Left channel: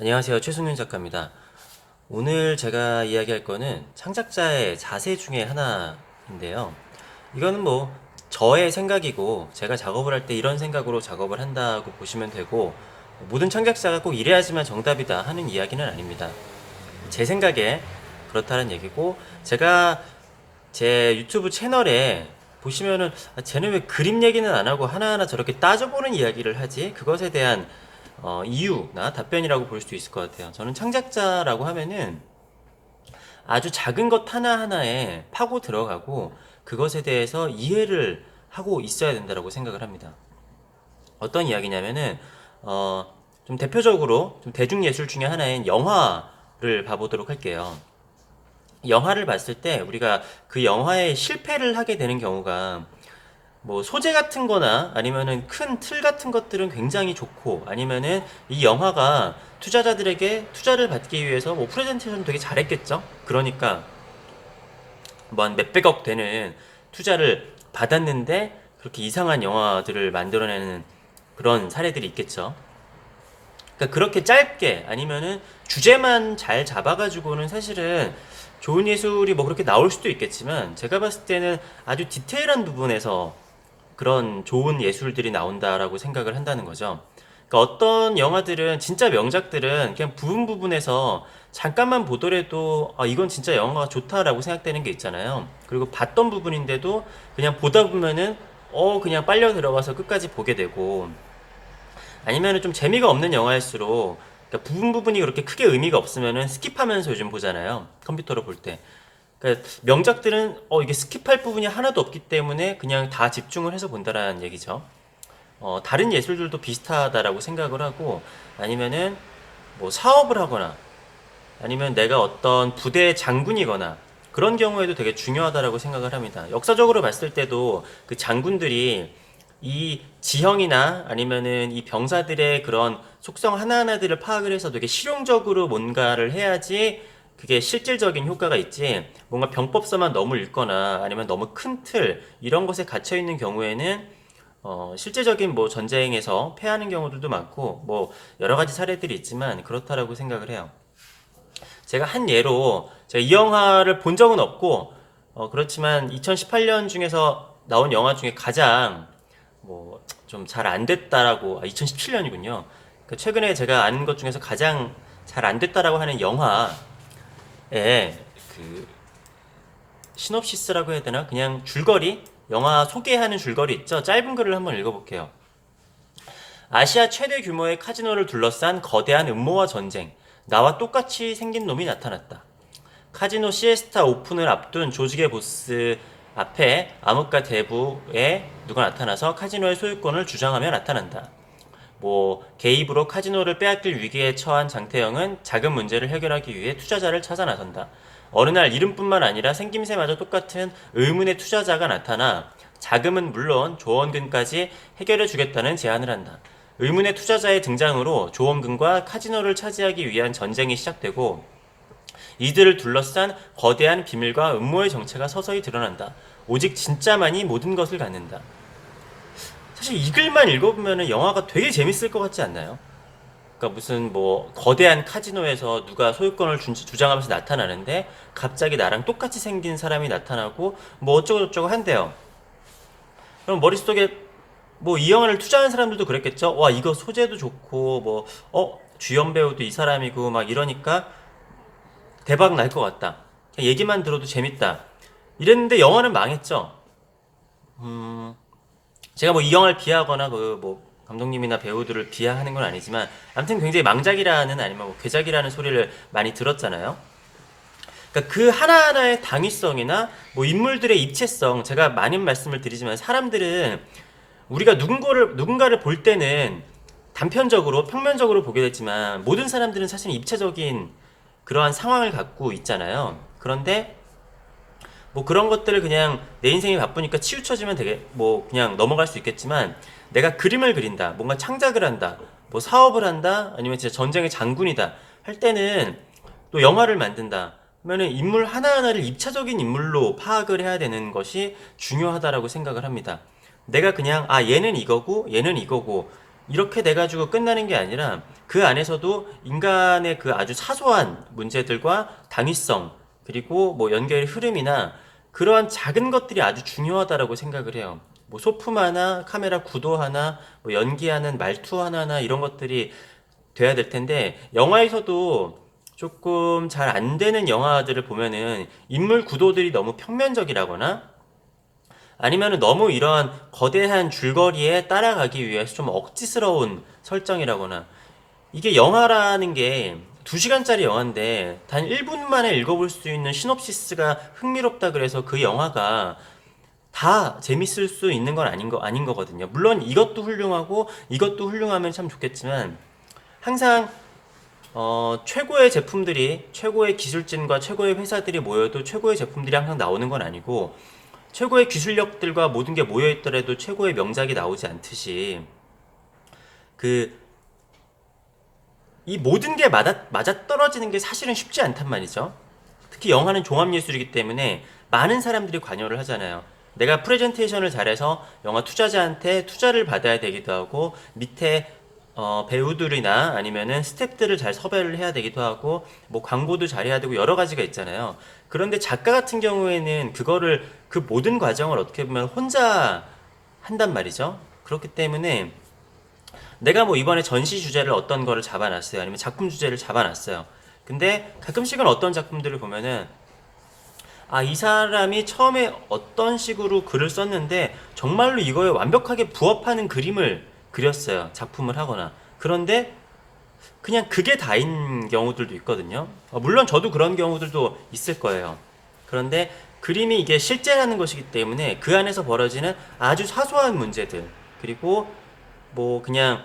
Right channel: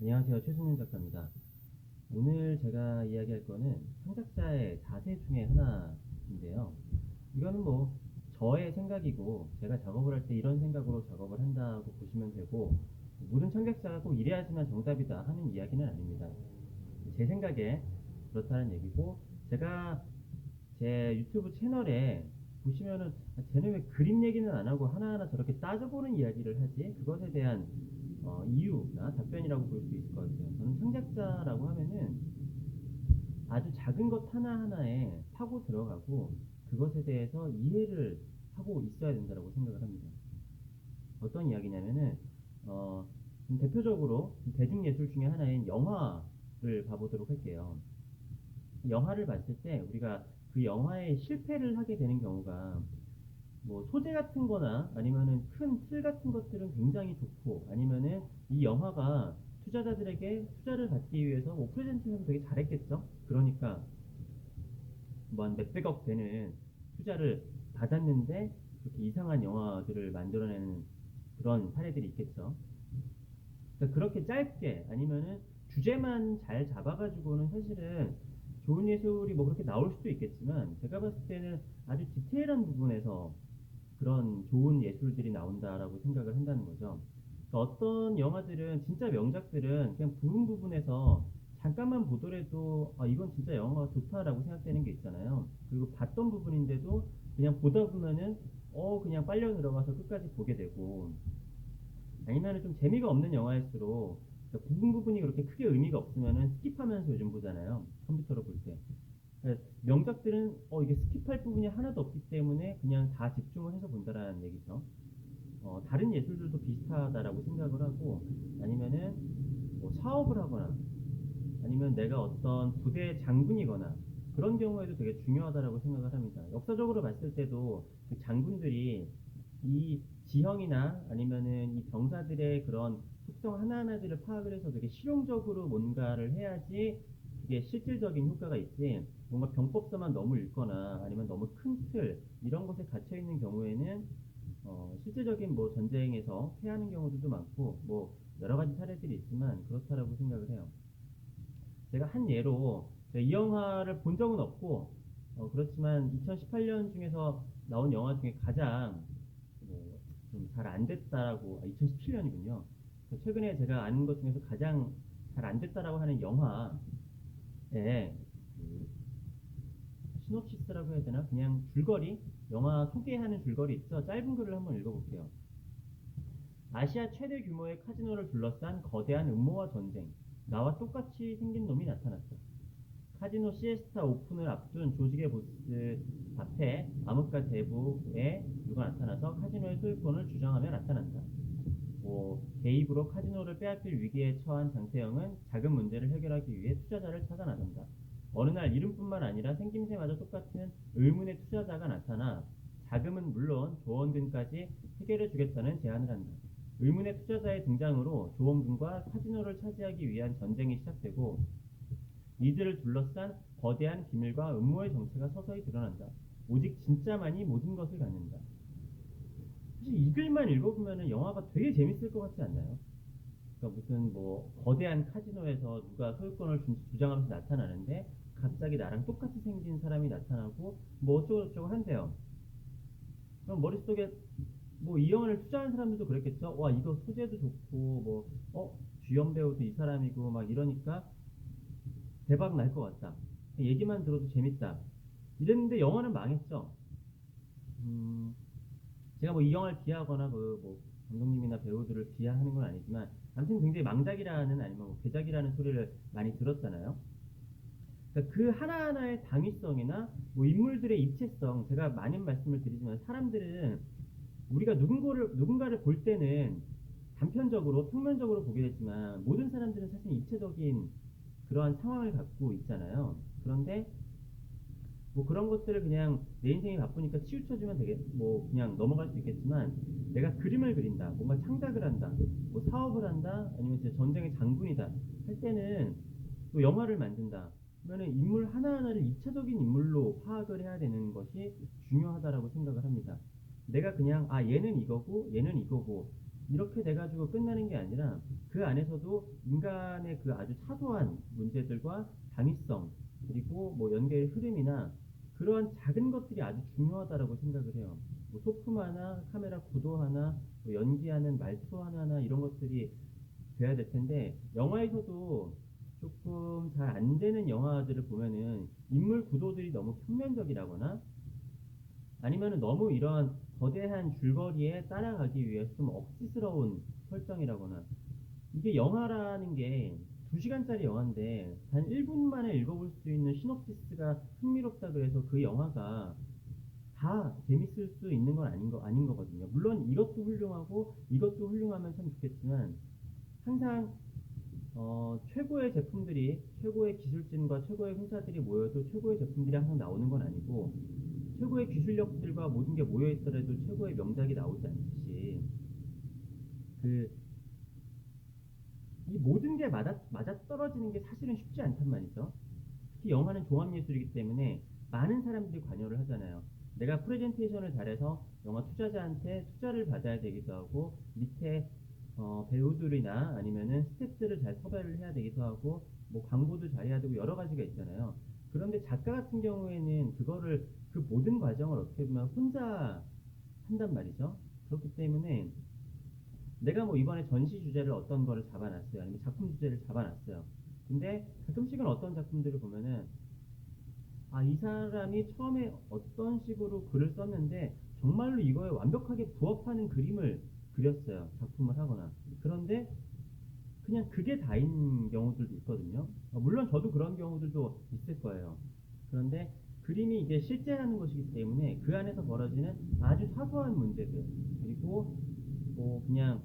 안녕하세요. 최승윤 작가입니다. 오늘 제가 이야기할 거는 창작자의 자세 중에 하나인데요. 이거는 뭐 저의 생각이고 제가 작업을 할 때 이런 생각으로 작업을 한다고 보시면 되고, 모든 창작자가 꼭 이래야지만 정답이다 하는 이야기는 아닙니다. 제 생각에 그렇다는 얘기고, 제가 제 유튜브 채널에 보시면은 쟤는 왜 그림 얘기는 안 하고 하나하나 저렇게 따져보는 이야기를 하지? 그것에 대한 이유나 답변이라고 볼 수 있을 것 같아요. 저는 창작자라고 하면은 아주 작은 것 하나하나에 파고 들어가고 그것에 대해서 이해를 하고 있어야 된다고 생각을 합니다. 어떤 이야기냐면은 어, 좀 대표적으로 좀 대중예술 중에 하나인 영화를 봐보도록 할게요. 영화를 봤을 때 우리가 그 영화에 실패를 하게 되는 경우가, 뭐 소재 같은 거나 아니면은 큰 틀 같은 것들은 굉장히 좋고, 아니면은 이 영화가 투자자들에게 투자를 받기 위해서 뭐 프레젠테이션 되게 잘했겠죠? 그러니까 뭐 한 몇백억 되는 투자를 받았는데 그렇게 이상한 영화들을 만들어내는 그런 사례들이 있겠죠. 그러니까 그렇게 짧게 아니면은 주제만 잘 잡아가지고는 사실은 좋은 예술이 뭐 그렇게 나올 수도 있겠지만, 제가 봤을 때는 아주 디테일한 부분에서 그런 좋은 예술들이 나온다라고 생각을 한다는 거죠. 그러니까 어떤 영화들은, 진짜 명작들은 그냥 부분 부분에서 잠깐만 보더라도 이건 진짜 영화가 좋다라고 생각되는 게 있잖아요. 그리고 봤던 부분인데도 그냥 보다 보면은 그냥 빨려 들어가서 끝까지 보게 되고, 아니면은 좀 재미가 없는 영화일수록, 그러니까 부분 부분이 그렇게 크게 의미가 없으면은 스킵하면서 요즘 보잖아요. 컴퓨터로 볼 때. 그러니까 명작들은 이게 스킵할 부분이 하나도 없기 때문에 그냥 다 집중을 해서 본다라는 얘기죠. 다른 예술들도 비슷하다라고 생각을 하고, 아니면은 뭐 사업을 하거나 아니면 내가 어떤 부대의 장군이거나 그런 경우에도 되게 중요하다라고 생각을 합니다. 역사적으로 봤을 때도 그 장군들이 이 지형이나 아니면은 이 병사들의 그런 속성 하나하나들을 파악을 해서 되게 실용적으로 뭔가를 해야지 그게 실질적인 효과가 있지, 뭔가 병법서만 너무 읽거나 아니면 너무 큰 틀 이런 것에 갇혀 있는 경우에는 실제적인 뭐 전쟁에서 패하는 경우들도 많고 뭐 여러 가지 사례들이 있지만 그렇다라고 생각을 해요. 제가 한 예로, 제가 이 영화를 본 적은 없고 그렇지만 2018년 중에서 나온 영화 중에 가장 뭐 좀 잘 안 됐다라고, 2017년이군요. 최근에 제가 아는 것 중에서 가장 잘 안 됐다라고 하는 영화에 그 시놉시스라고 해야 되나? 그냥 줄거리? 영화 소개하는 줄거리 있죠? 짧은 글을 한번 읽어볼게요. 아시아 최대 규모의 카지노를 둘러싼 거대한 음모와 전쟁. 나와 똑같이 생긴 놈이 나타났다. 카지노 시에스타 오픈을 앞둔 조직의 보스 앞에 암흑가 대부에 누가 나타나서 카지노의 소유권을 주장하며 나타난다. 뭐 개입으로 카지노를 빼앗길 위기에 처한 장태영은 자금 문제를 해결하기 위해 투자자를 찾아 나선다. 어느 날 이름뿐만 아니라 생김새마저 똑같은 의문의 투자자가 나타나 자금은 물론 조원금까지 해결해 주겠다는 제안을 한다. 의문의 투자자의 등장으로 조원금과 카지노를 차지하기 위한 전쟁이 시작되고, 이들을 둘러싼 거대한 비밀과 음모의 정체가 서서히 드러난다. 오직 진짜만이 모든 것을 갖는다. 사실 이 글만 읽어보면 영화가 되게 재밌을 것 같지 않나요? 그러니까 무슨 뭐 거대한 카지노에서 누가 소유권을 주장하면서 나타나는데 갑자기 나랑 똑같이 생긴 사람이 나타나고 뭐 어쩌고저쩌고 한대요. 그럼 머릿속에 뭐 이 영화를 투자한 사람들도 그랬겠죠? 와, 이거 소재도 좋고 뭐 주연 배우도 이 사람이고 막 이러니까 대박 날 것 같다. 얘기만 들어도 재밌다. 이랬는데 영화는 망했죠. 제가 뭐 이 영화를 비하하거나 그 뭐 감독님이나 배우들을 비하하는 건 아니지만, 아무튼 굉장히 망작이라는 아니면 뭐 괴작이라는 소리를 많이 들었잖아요. 그러니까 그 하나하나의 당위성이나 뭐 인물들의 입체성, 제가 많은 말씀을 드리지만 사람들은 우리가 누군가를 볼 때는 단편적으로 평면적으로 보게 되지만, 모든 사람들은 사실 입체적인 그러한 상황을 갖고 있잖아요. 그런데 뭐 그런 것들을 그냥 내 인생이 바쁘니까 치우쳐지면 되게 뭐 그냥 넘어갈 수 있겠지만, 내가 그림을 그린다, 뭔가 창작을 한다, 뭐 사업을 한다, 아니면 진짜 전쟁의 장군이다 할 때는, 또 영화를 만든다 그러면은 인물 하나하나를 입체적인 인물로 파악을 해야 되는 것이 중요하다라고 생각을 합니다. 내가 그냥 얘는 이거고 얘는 이거고 이렇게 돼 가지고 끝나는 게 아니라 그 안에서도 인간의 그 아주 사소한 문제들과 당위성, 그리고 뭐 연결의 흐름이나 그러한 작은 것들이 아주 중요하다라고 생각을 해요. 뭐 소품 하나, 카메라 구도 하나, 뭐 연기하는 말투 하나나 이런 것들이 돼야 될 텐데, 영화에서도 조금 잘 안 되는 영화들을 보면은 인물 구도들이 너무 평면적이라거나 아니면은 너무 이런 거대한 줄거리에 따라가기 위해서 좀 억지스러운 설정이라거나, 이게 영화라는 게 2시간짜리 영화인데 단 1분 만에 읽어볼 수 있는 시놉시스가 흥미롭다 그래서 그 영화가 다 재밌을 수 있는 건 아닌 거거든요. 물론 이것도 훌륭하고 이것도 훌륭하면 참 좋겠지만, 항상 최고의 제품들이, 최고의 기술진과 최고의 회사들이 모여도 최고의 제품들이 항상 나오는 건 아니고, 최고의 기술력들과 모든 게 모여있더라도 최고의 명작이 나오지 않듯이, 그 이 모든 게 맞아 떨어지는 게 사실은 쉽지 않단 말이죠. 특히 영화는 종합예술이기 때문에 많은 사람들이 관여를 하잖아요. 내가 프레젠테이션을 잘해서 영화 투자자한테 투자를 받아야 되기도 하고, 밑에 배우들이나 아니면은 스태프들을 잘 섭외를 해야 되기도 하고, 뭐 광고도 잘해야 되고 여러 가지가 있잖아요. 그런데 작가 같은 경우에는 그거를, 그 모든 과정을 어떻게 보면 혼자 한단 말이죠. 그렇기 때문에 내가 뭐 이번에 전시 주제를 어떤 거를 잡아놨어요. 아니면 작품 주제를 잡아놨어요. 근데 가끔씩은 어떤 작품들을 보면은, 아, 이 사람이 처음에 어떤 식으로 글을 썼는데 정말로 이거에 완벽하게 부합하는 그림을 그렸어요. 작품을 하거나. 그런데 그냥 그게 다인 경우들도 있거든요. 물론 저도 그런 경우들도 있을 거예요. 그런데 그림이 이게 실제라는 것이기 때문에 그 안에서 벌어지는 아주 사소한 문제들, 그리고 뭐 그냥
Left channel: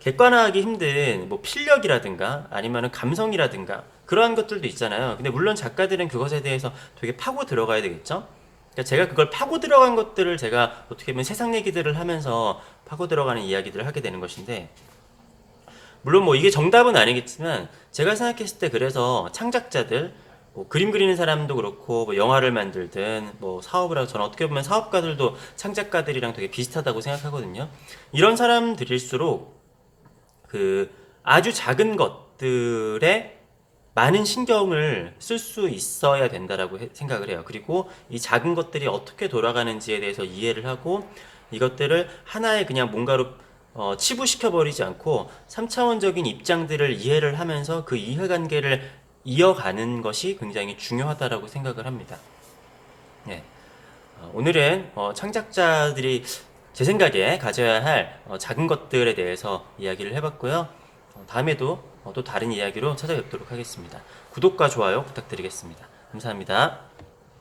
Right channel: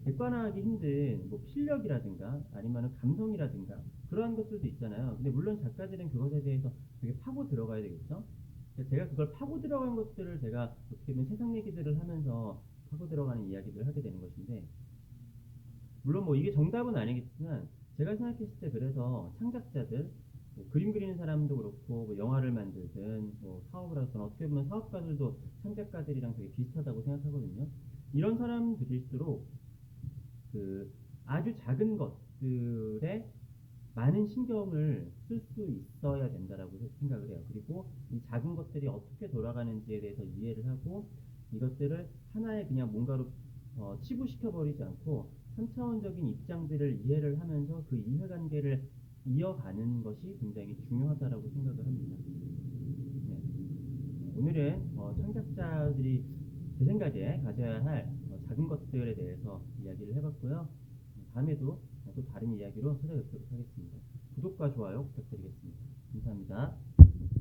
객관화하기 힘든 뭐 필력이라든가 아니면은 감성이라든가 그러한 것들도 있잖아요. 근데 물론 작가들은 그것에 대해서 되게 파고 들어가야 되겠죠. 그러니까 제가 그걸 파고 들어간 것들을 제가 어떻게 보면 세상 얘기들을 하면서 파고 들어가는 이야기들을 하게 되는 것인데, 물론 뭐 이게 정답은 아니겠지만 제가 생각했을 때, 그래서 창작자들, 뭐 그림 그리는 사람도 그렇고 뭐 영화를 만들든 뭐 사업을 하고, 저는 어떻게 보면 사업가들도 창작가들이랑 되게 비슷하다고 생각하거든요. 이런 사람들일수록 그 아주 작은 것들에 많은 신경을 쓸 수 있어야 된다라고 생각을 해요. 그리고 이 작은 것들이 어떻게 돌아가는지에 대해서 이해를 하고, 이것들을 하나의 그냥 뭔가로 치부시켜 버리지 않고 3차원적인 입장들을 이해를 하면서 그 이해관계를 이어가는 것이 굉장히 중요하다라고 생각을 합니다. 예. 오늘은 창작자들이 제 생각에 가져야 할 작은 것들에 대해서 이야기를 해봤고요. 다음에도 또 다른 이야기로 찾아뵙도록 하겠습니다. 구독과 좋아요 부탁드리겠습니다. 감사합니다.